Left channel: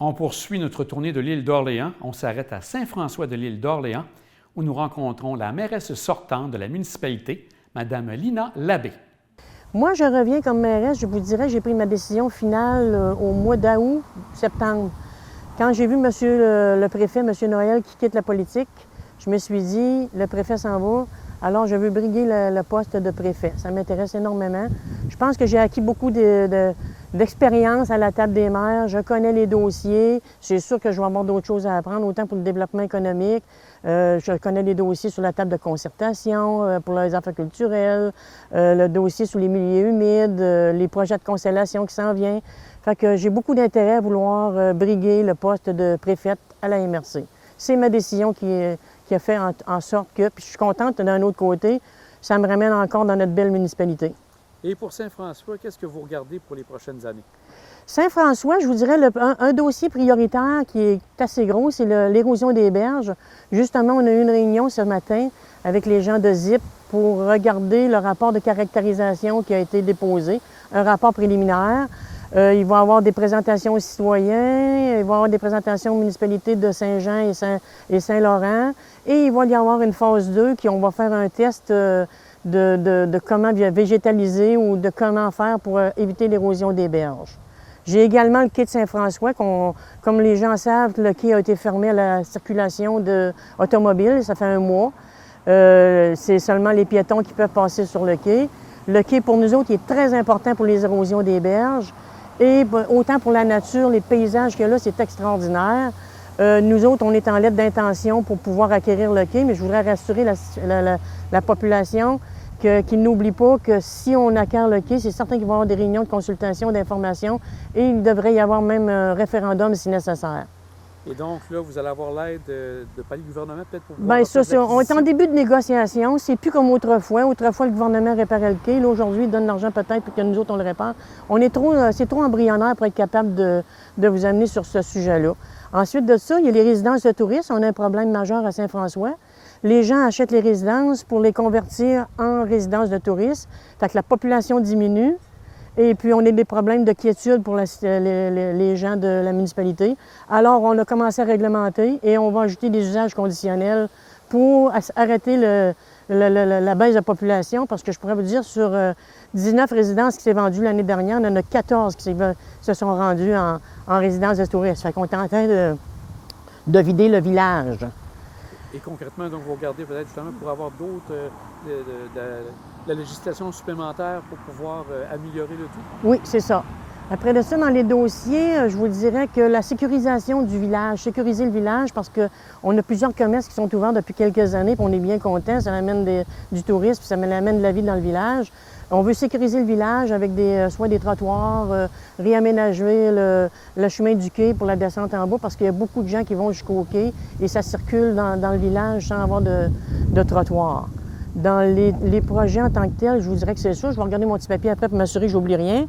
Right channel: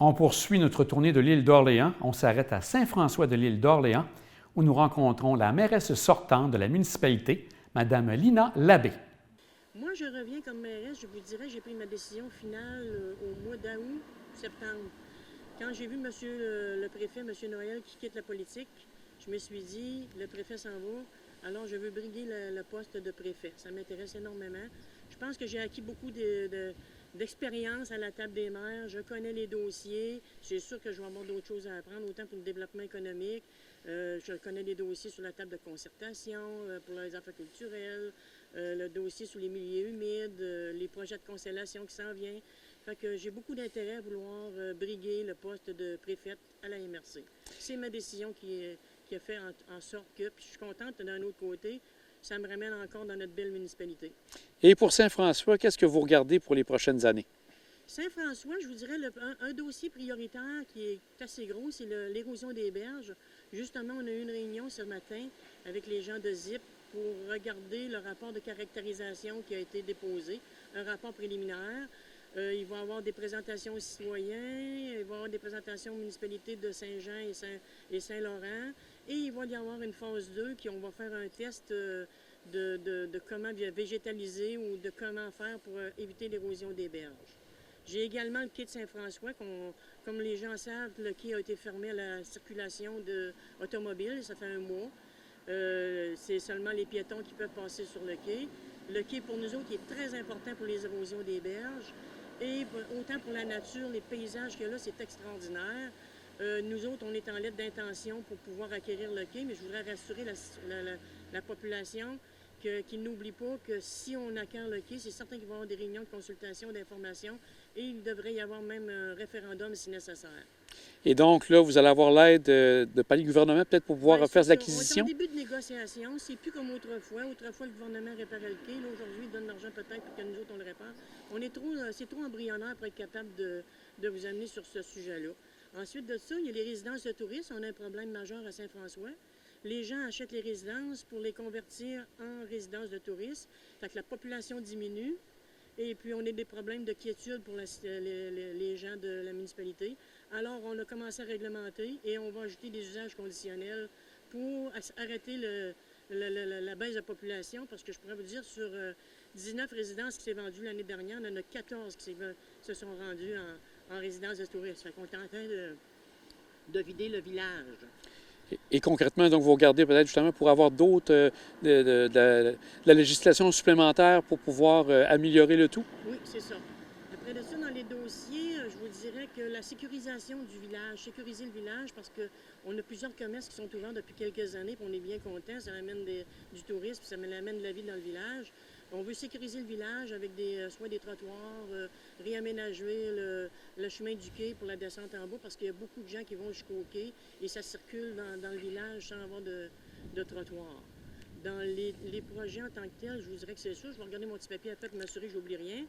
On poursuit notre tournée de l'île d'Orléans. On s'arrête à Saint-François de l'île d'Orléans où nous rencontrons la mairesse sortante de la municipalité, Mme Lina Labbé. Moi, je reviens comme mairesse, je vous dirais, j'ai pris ma décision finale au mois d'août, septembre. Quand j'ai vu monsieur le préfet, M. Noël, qui quitte la politique, je me suis dit, le préfet s'en va, alors je veux briguer le poste de préfet. Ça m'intéresse énormément. Je pense que j'ai acquis beaucoup d'expérience à la table des maires. Je connais les dossiers. C'est sûr que je vais avoir d'autres choses à apprendre, autant pour le développement économique. Je connais les dossiers sur la table de concertation, pour les affaires culturelles, le dossier sur les milieux humides, les projets de constellation qui s'en viennent. Fait que j'ai beaucoup d'intérêt à vouloir briguer le poste de préfète à la MRC. C'est ma décision qui a fait en sorte que, puis je suis contente d'un autre côté, ça me ramène encore dans notre belle municipalité. Et pour Saint-François, qu'est-ce que vous regardez pour les prochaines années? Saint-François, je vous dirais, un dossier prioritaire qui est assez gros, c'est l'érosion des berges. Justement, on a eu une réunion ce matin avec les gens de ZIP pour regarder le rapport de caractérisation qui a été déposé, un rapport préliminaire. Il va y avoir des présentations aux citoyens, il va y avoir des présentations aux municipalités de Saint-Jean et Saint-Laurent. Et il va y avoir une phase 2 on va faire un test de comment végétaliser ou de comment faire pour éviter l'érosion des berges. J'ai également le quai de Saint-François, comme les gens savent, le quai a été fermé à la circulation automobile, ça fait un mois. C'est seulement les piétons qui peuvent passer sur le quai. Le quai, pour nous autres, il est très important pour les érosions des berges. Et autant pour la nature, les paysages qu'il y a là, c'est extraordinaire. Nous autres, on est en lettre d'intention pour pouvoir acquérir le quai, mais je voudrais rassurer la population qu'ils n'oublient pas que si on acquiert le quai, c'est certain qu'il va y avoir des réunions de consultation, d'information, et il devrait y avoir même un référendum si nécessaire. Et donc, là, vous allez avoir l'aide de palier gouvernement peut-être pour pouvoir Bien, faire des on est en acquisitions? début de négociation. C'est plus comme autrefois. Autrefois, le gouvernement réparait le quai. Là, aujourd'hui, il donne l'argent peut-être pour que nous autres, on le répare. C'est trop embryonnaire pour être capable de vous amener sur ce sujet-là. Ensuite de ça, il y a les résidences de touristes. On a un problème majeur à Saint-François. Les gens achètent les résidences pour les convertir en résidences de touristes. Fait que la population diminue. Et puis, on a des problèmes de quiétude pour les gens de la municipalité. Alors, on a commencé à réglementer et on va ajouter des usages conditionnels pour arrêter la baisse de population. Parce que je pourrais vous dire, sur 19 résidences qui s'est vendues l'année dernière, il y en a 14 qui se sont rendues en résidence de touristes. Fait qu'on est en train de vider le village. Et concrètement, donc, vous regardez peut-être justement pour avoir d'autres, de la législation supplémentaire pour pouvoir améliorer le tout? Oui, c'est ça. Après de ça, dans les dossiers, je vous dirais que la sécurisation du village, sécuriser le village parce qu'on a plusieurs commerces qui sont ouverts depuis quelques années, puis on est bien contents, ça amène du tourisme, puis ça amène de la vie dans le village. On veut sécuriser le village avec soit des trottoirs, réaménager le chemin du quai pour la descente en bas parce qu'il y a beaucoup de gens qui vont jusqu'au quai et ça circule dans le village sans avoir de trottoir. Dans les projets en tant que tels, je vous dirais que c'est ça. Je vais regarder mon petit papier après pour m'assurer que je n'oublie rien.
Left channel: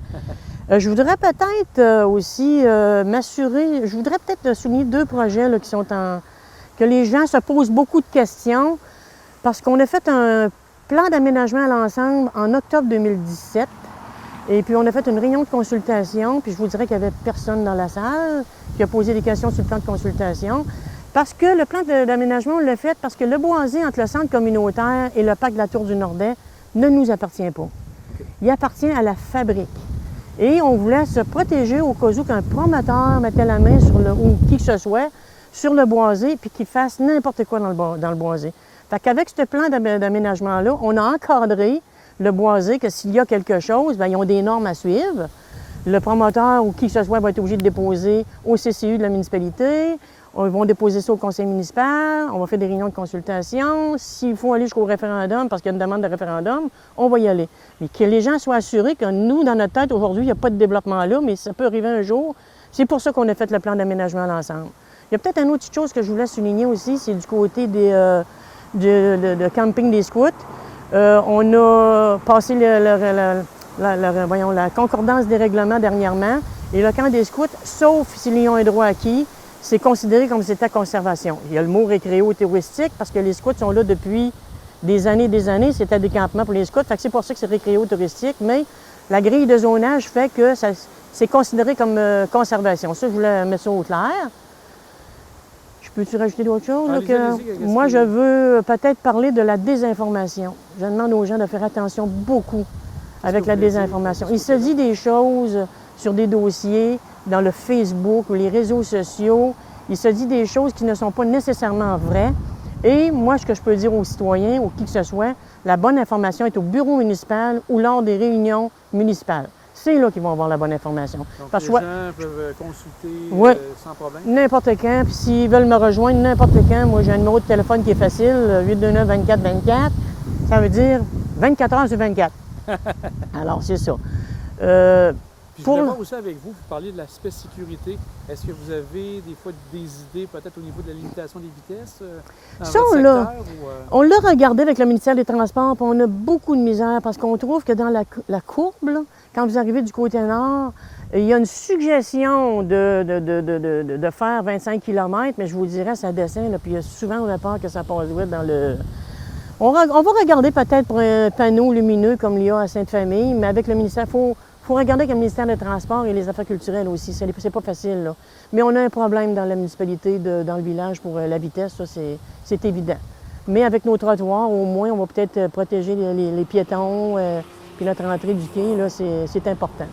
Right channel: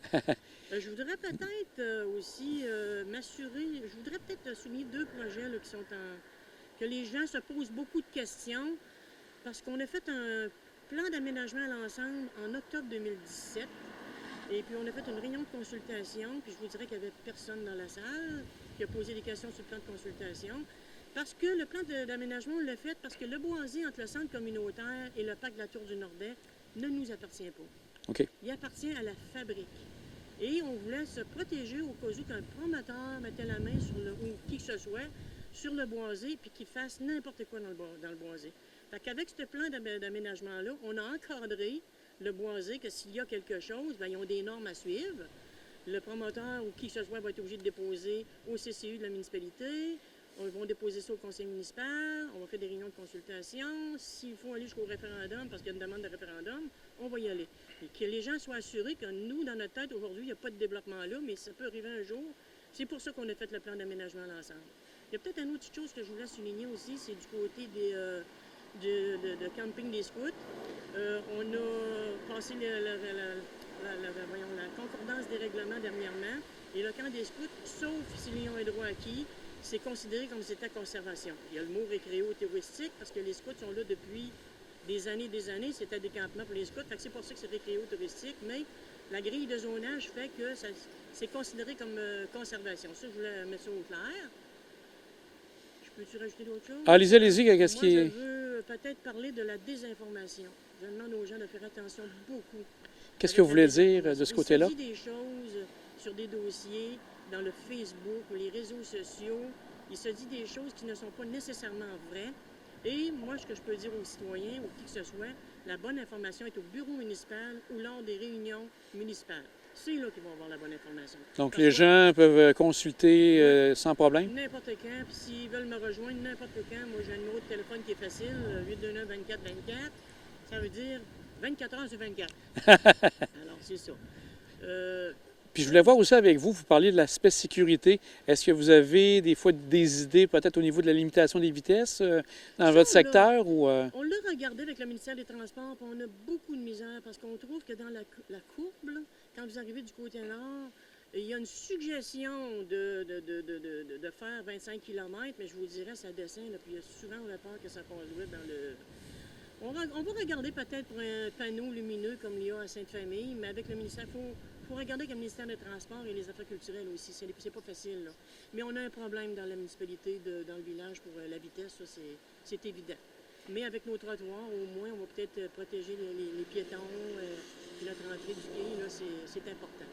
Je voudrais peut-être aussi m'assurer, je voudrais peut-être souligner 2 projets là, que les gens se posent beaucoup de questions parce qu'on a fait un plan d'aménagement à l'ensemble en octobre 2017. Et puis, on a fait une réunion de consultation, puis je vous dirais qu'il n'y avait personne dans la salle qui a posé des questions sur le plan de consultation. Parce que le plan d'aménagement, on l'a fait parce que le boisé entre le centre communautaire et le parc de la Tour du Nordais ne nous appartient pas. Okay. Il appartient à la fabrique. Et on voulait se protéger au cas où qu'un promoteur mettait la main ou qui que ce soit, sur le boisé, puis qu'il fasse n'importe quoi dans le boisé. Fait qu'avec ce plan d'aménagement-là, on a encadré le boisé que s'il y a quelque chose, bien, ils ont des normes à suivre. Le promoteur ou qui que ce soit va être obligé de déposer au CCU de la municipalité. Ils vont déposer ça au conseil municipal. On va faire des réunions de consultation. S'il faut aller jusqu'au référendum, parce qu'il y a une demande de référendum, on va y aller. Mais que les gens soient assurés que nous, dans notre tête, aujourd'hui, il n'y a pas de développement là, mais ça peut arriver un jour. C'est pour ça qu'on a fait le plan d'aménagement à l'ensemble. Il y a peut-être une autre petite chose que je voulais souligner aussi, c'est du côté de camping des scouts. On a passé la concordance des règlements dernièrement. Et le camp des scouts, sauf s'ils ont un droit acquis, c'est considéré comme c'était conservation. Il y a le mot récréo-touristique parce que les scouts sont là depuis des années. C'était des campements pour les scouts. Fait que c'est pour ça que c'est récréo-touristique. Mais la grille de zonage fait que c'est considéré comme conservation. Ça, je voulais mettre ça au clair. Je peux-tu rajouter d'autres choses? Allez-y, allez-y. Qu'est-ce Moi, qui- je veux peut-être parler de la désinformation. Je demande aux gens de faire attention beaucoup Qu'est-ce avec que la vous voulez dire désinformation. de ce Il se côté-là? dit des choses sur des dossiers, dans le Facebook ou les réseaux sociaux. Il se dit des choses qui ne sont pas nécessairement vraies. Et moi, ce que je peux dire aux citoyens, ou qui que ce soit, la bonne information est au bureau municipal ou lors des réunions municipales. C'est là qu'ils vont avoir la bonne information. Donc, Parce les que gens peuvent consulter Ouais. sans problème? n'importe quand, puis s'ils veulent me rejoindre n'importe quand, moi j'ai un numéro de téléphone qui est facile, 829-24-24, ça veut dire 24 heures sur 24. Alors, c'est ça. Puis je voulais voir aussi avec vous, vous parliez de l'aspect sécurité. Est-ce que vous avez des fois des idées peut-être au niveau de la limitation des vitesses dans Ça, votre on l'a. secteur? On l'a regardé avec le ministère des Transports, puis on a beaucoup de misère parce qu'on trouve que dans la courbe, là, quand vous arrivez du côté nord, il y a une suggestion de faire 25 km, mais je vous dirais, ça descend, là, puis il y a souvent on a peur que ça passe vite dans le... On va regarder peut-être pour un panneau lumineux comme il y a à Sainte-Famille, mais avec le ministère, il faut regarder avec le ministère des Transports et les Affaires culturelles aussi. C'est pas facile, là. Mais on a un problème dans la municipalité, dans le village, pour la vitesse, ça, c'est évident. Mais avec nos trottoirs, au moins, on va peut-être protéger les piétons, puis notre entrée du quai, là, c'est important.